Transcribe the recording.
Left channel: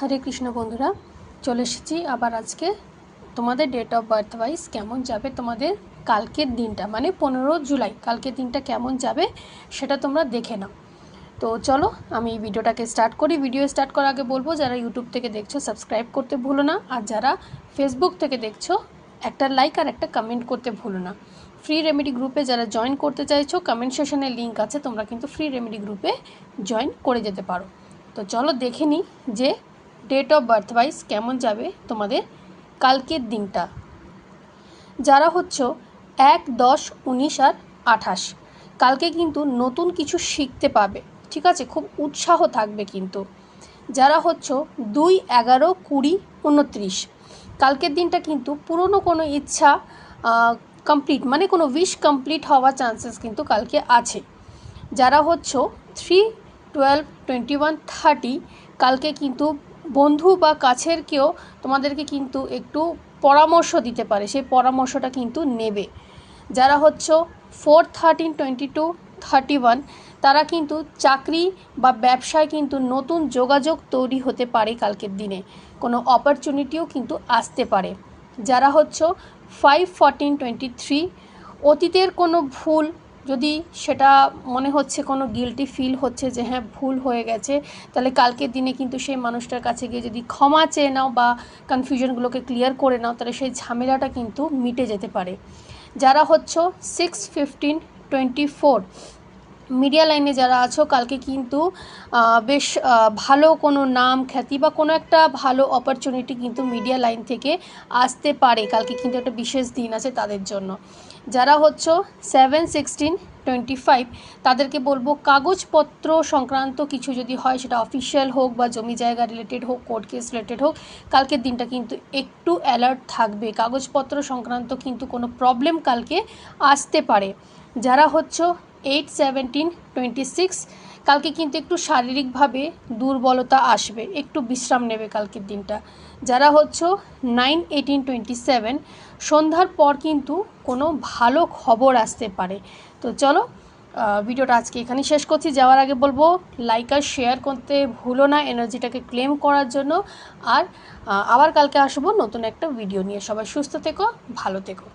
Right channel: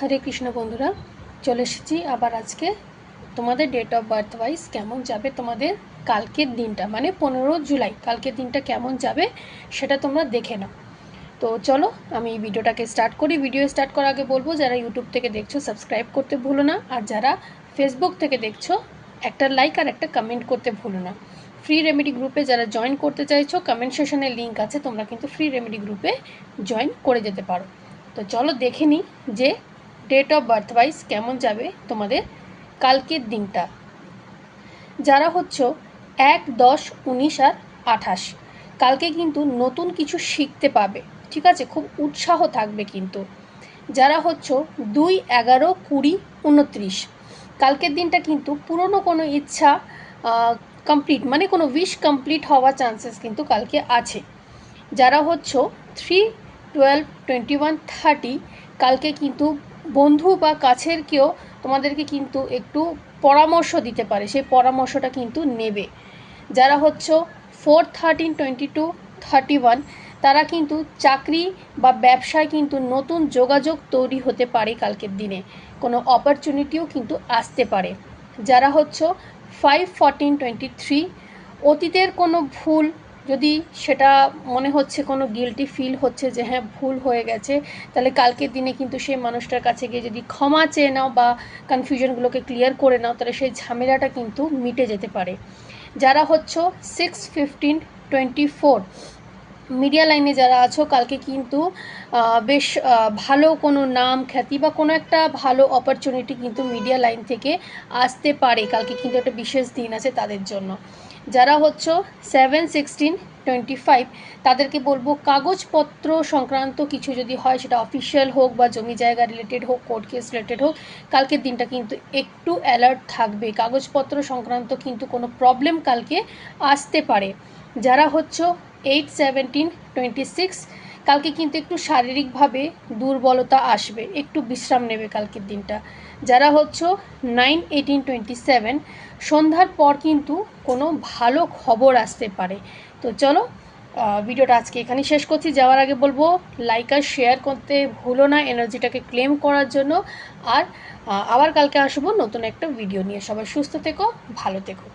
হরে কৃষ্ণ বন্ধুরা, চলে এসেছি আবার আজকে তোমাদের ডেট অফ বার্থ ওয়াইজ কেমন যাবে তোমাদের কালকের দিনটা, মানে 15 জুলাই কালকের দিনটা কেমন যাবে সেটা তোমরা দেখে নাও। তো চলো আমি ভিডিওটাকে স্টার্ট করি। ভিডিও স্টার্ট করার আগে বলবো, যারা ইউটিউব থেকে দেখছো সাবস্ক্রাইব করতে ভুলো না, আর যারা ফেসবুক থেকে দেখছো একটা লাইক আর একটা কমেন্ট করতে ভুলো না। ফ্রি রেমেডি গ্রুপে যারা জয়েন করতে চাইছো, কমেন্ট সেশনের লিঙ্ক আছে, তোমরা কিন্তু ফ্রি রেমেডি গ্রুপে জয়েন করে যেতে পারো। তো চলো দেখে নিই যে ডেট অফ বার্থ ওয়াইজ কেমন যাবে তোমাদের কালকের দিনটা। যারা হচ্ছে 1, 10, 19 আর 28, কালকে কিন্তু নতুন কিছু শিখতে পাবে, ঠিক আছে, খুব উৎসাহ থাকবে। কিন্তু যারা হচ্ছে 2, 11, 20, 29, কালকের দিনটা কিন্তু পুরনো কোনো ইচ্ছা কমপ্লিট, মানে কোনো উইশ কমপ্লিট হওয়ার চান্সেস কিন্তু কালকে আছে। যারা হচ্ছে 3, 12, 21, 30, কালকে কিন্তু বন্ধু বা কাছের কেউ তোমাদেরকে কিন্তু একটু পরামর্শ দিতে পারে, সেই পরামর্শটা কিন্তু নেবে। যারা হচ্ছে 4, 13, 22, 31, তারা কিন্তু চাকরি বা ব্যবসায় কিন্তু নতুন যোগাযোগ তৈরি হতে পারে কালকের দিনে, কোনো অপরচুনিটিও কিন্তু আসতে পারে। যারা হচ্ছে 5, 14, 23, অতীতের কোনো ভুল যদি সেটা মনে হচ্ছে কোনো গিল্টি ফিল হচ্ছে যে হ্যাঁ ভুল হয়ে গেছে, তাহলে কালকের দিনে কিন্তু সেই মানুষটার কাছে গিয়ে যদি ক্ষমা চেয়ে নাও বা কনফিউশনগুলোকে ক্লিয়ার করে নাও, তাহলে সেই ঝামেলাটা কিন্তু মিটে যেতে পারে। যারা হচ্ছে 6, 15, 24, মিডিয়া লাইনে যারা আছো, কালকে কিন্তু বেশ ভালো কোনো নাম খ্যাতি বা কোনো একটা ভালো অপরচুনিটি কিন্তু মিডিয়া লাইন থেকে আসতে পারে। কালকে কিন্তু একটা বিশেষ দিন আছে তাদের জন্য। যারা হচ্ছে 7, 16, 25, তাদেরকে বলবো কাগজপত্র সংক্রান্ত কিছু যদি হয়, সেটা অফিসিয়াল হোক বা জমি জায়গা রিলেটেড হোক, কোর্ট কেস রিলেটেড হোক, কালকের দিনটা কিন্তু একটু অ্যালার্ট থাকবে। কাগজপত্র সংক্রান্ত কিন্তু কোনো প্রবলেম কালকে আসতে পারে। যারা হচ্ছে 8, 17, 26, কালকে কিন্তু একটু শারীরিকভাবে দুর্বলতা আসবে, একটু বিশ্রাম নেবে কালকের দিনটা। যারা হচ্ছে 9, 18, 27, সন্ধ্যার পর কিন্তু কোনো ভালো খবর আসতে পারে। তো চলো ভিডিওটা আজকে এখানেই শেষ করছি। যাওয়ার আগে বলবো লাইক আর শেয়ার করতে ভুলো না এনার্জিটাকে ক্লেম করার জন্য। আর আবার কালকে আসবো নতুন একটা ভিডিও নিয়ে। সবাই সুস্থ থেকো, ভালো থেকো।